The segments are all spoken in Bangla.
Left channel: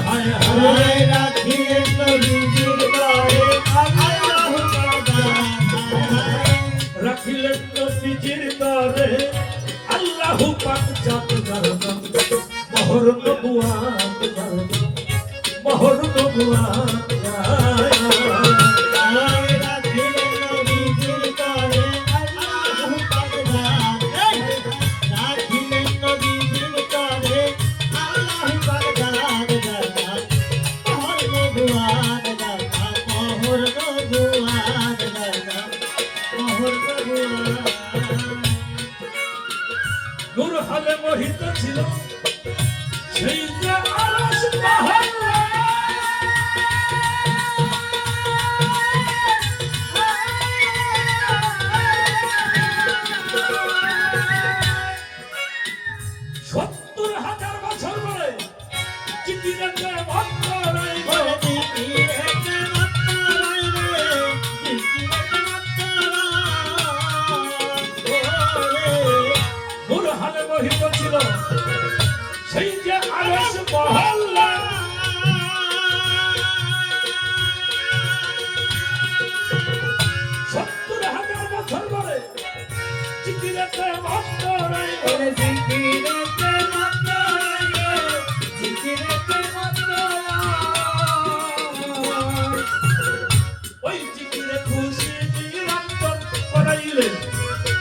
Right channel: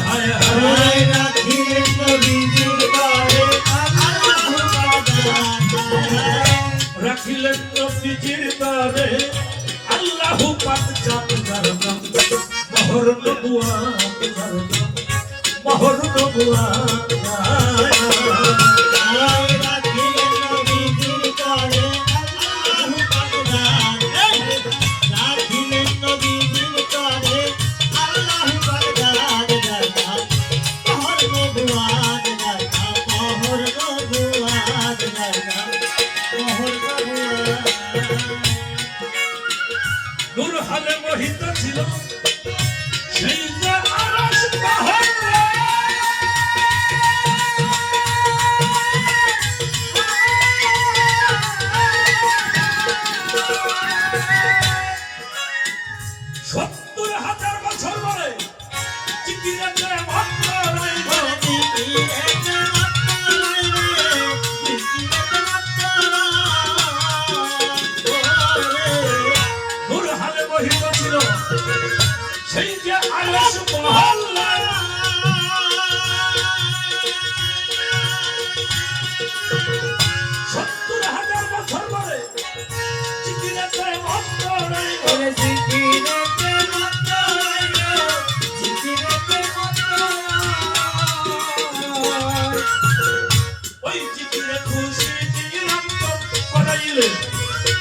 হায় হায় রাখিলেন নবীজির তরে আল্লাহু রাখিলেন নবীজির তরে আল্লাহু পাক জাত জারদাম মোহর নবুয়াত জারদাম মোহর নবুয়াত রাখিলেন নবীজির তরে আল্লাহু পাক জাত রাখিলেন নবীজির তরে আল্লাহু পাক জাত জারদাম মোহর নবুয়াত জারদাম মোহর নবুয়াত জারদাম মোহর নবুয়াত নূর হালে মোহিত ছিল সেই যে আরশ পাহাড় সেই যে আরশ মহল্লা ৭০,০০০ বছর পরে জিকিরেতে মত্ত রইল জিকিরেতে মত্ত রইল জিকিরেতে মত্ত ওই জিকিরে খুশি নিরঞ্জন করাইলে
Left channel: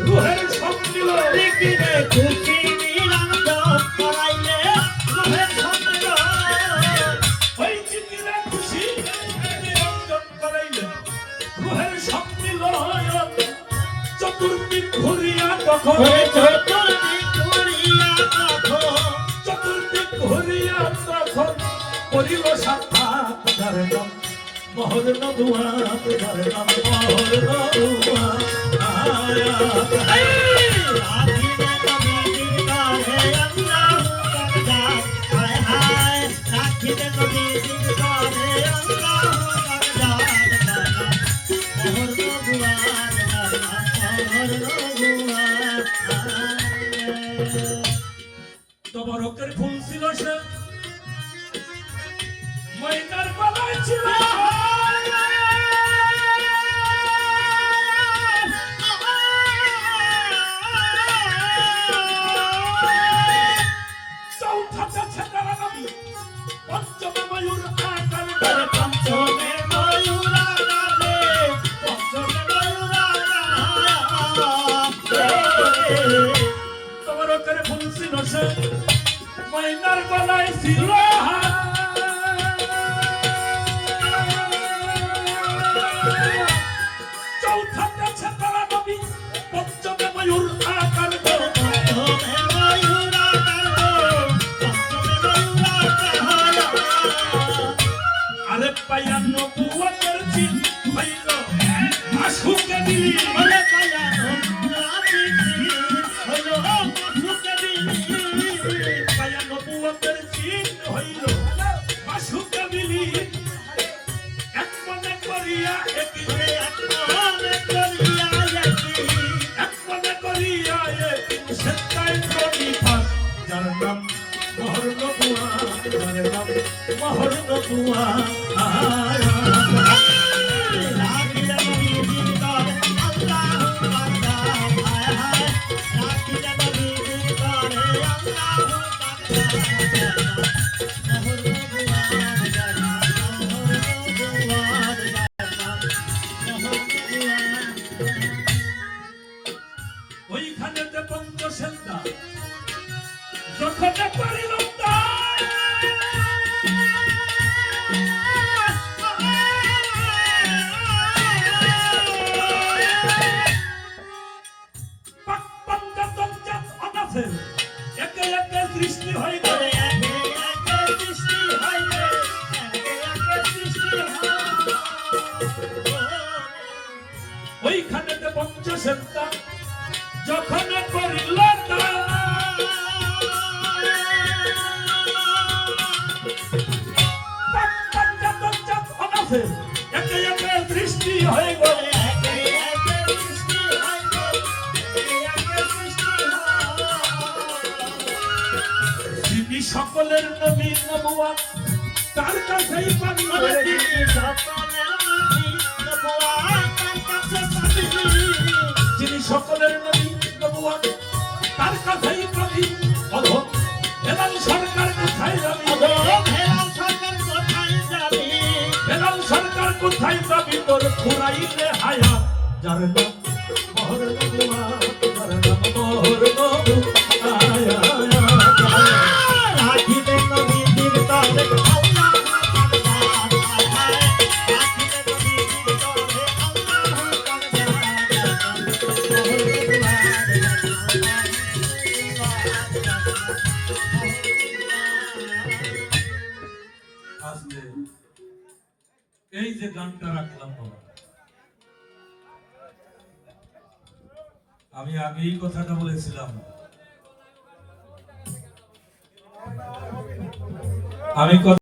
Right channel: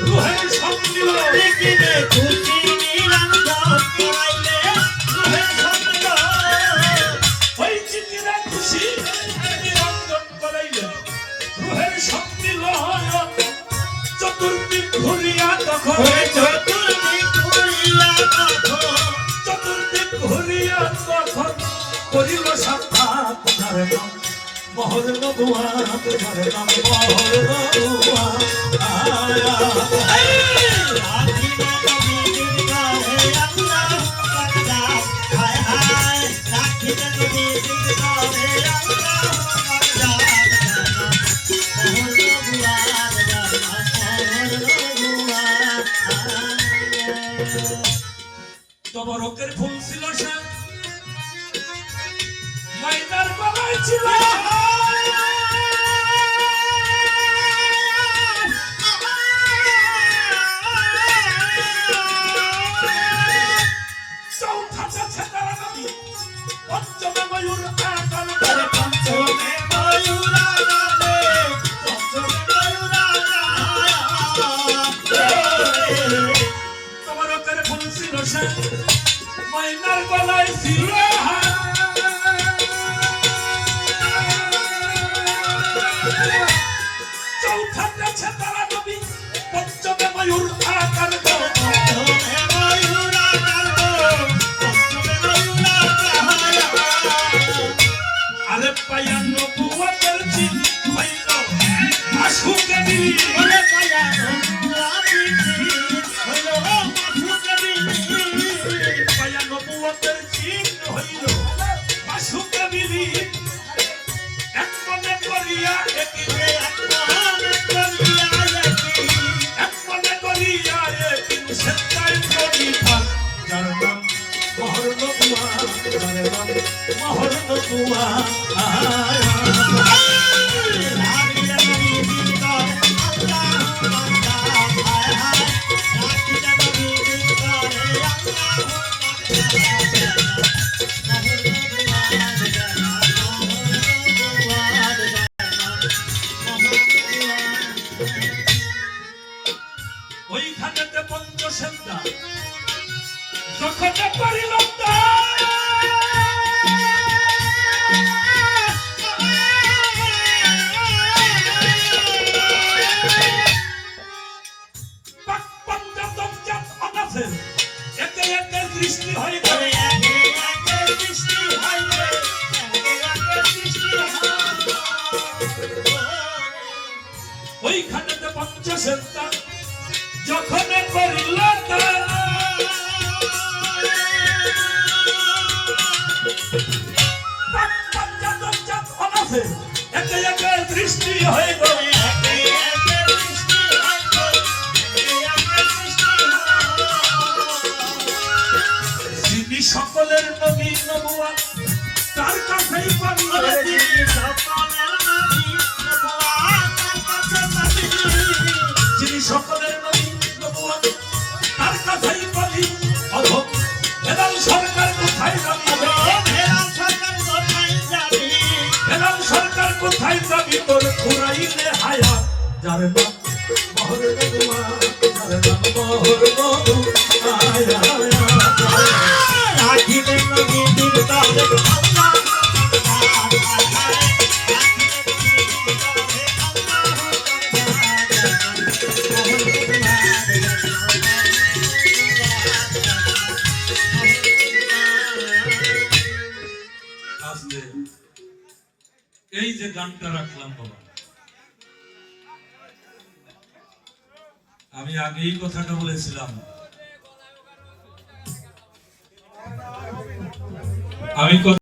রুহের সম্মিল জিকিরে খুশি নিরঞ্জন করাইলে রুহের সম্মিল ওই জিকিরে খুশি নিরঞ্জন করাইলে রুহের সম্মিল চতুর্দিক ঘুরিয়া তখন চতুর্দিক ঘুরিয়া তখন করিল সাক্ষাৎ ধর্ম মোহর নবুয়াত ধর্ম মোহর নবুয়াত তবরকের ফুল ছিল সে ময়দার বানায় ছিল চৌথাটা ছেতারা নবী পঞ্চমে ময়ূর আকার করে পঞ্চমে ময়ূর আকারে পঞ্চমে ময়ূর আকারে তবরকের ফুল ছিল সে ময়দার গলায় ছিল চৌথাটা ছেতারা নবী পঞ্চমে ময়ূর আকার করে পঞ্চমে ময়ূর আকার আরে পায়া নবুয়তের চিহ্ন হইল আশুকে দিলি আরে পায়া নবুয়তের চিহ্ন হইল আশুকে দিলি পায়া নবুয়তের চিহ্ন হইল আশুকে দিলি এক মনে করিয়া একিনে এক মনে করিয়া একি এক মনে করিয়া একি সেটাই প্রতিভা যার নাম মোহর নবুয়াত যার নাম মোহর নবুয়াত ওইখানেতে পঞ্চসেন্দা যখন পারিল একে একে দৃষ্টি হয়ে গেলে একে একে দৃষ্টি হয়ে গেলে একে একে দৃষ্টি ওইখানেতে পঞ্চসেন্দা যখন করিল একে একে দৃষ্টি হয়ে গেল একে একে দৃষ্টি হয়ে গেল একে একে দৃষ্টি যিনি সকলের নবী নবুয়ত তার কাছেই পাবি ওরে যিনি সকলের নবী নবুয়ত তার কাছে পাবি যিনি সকলের নবী নবুয়ত তার কাছেই পাবি অধম হেলাল সরকার কোথায় যাবি হেলাল সরকার কোথায় যাবি হেলাল সরকার কোথায় যাবি তোর ফুরাইলে হায়া যার নাম মোহর নবুয়া যার নাম মোহর নবুয়া রাখিবে নবীর তরে আল্লাহ আজকে এই যে গানটা রাখলাম বাবা, আমি আগেই কথাটা বলেছিলাম, আমি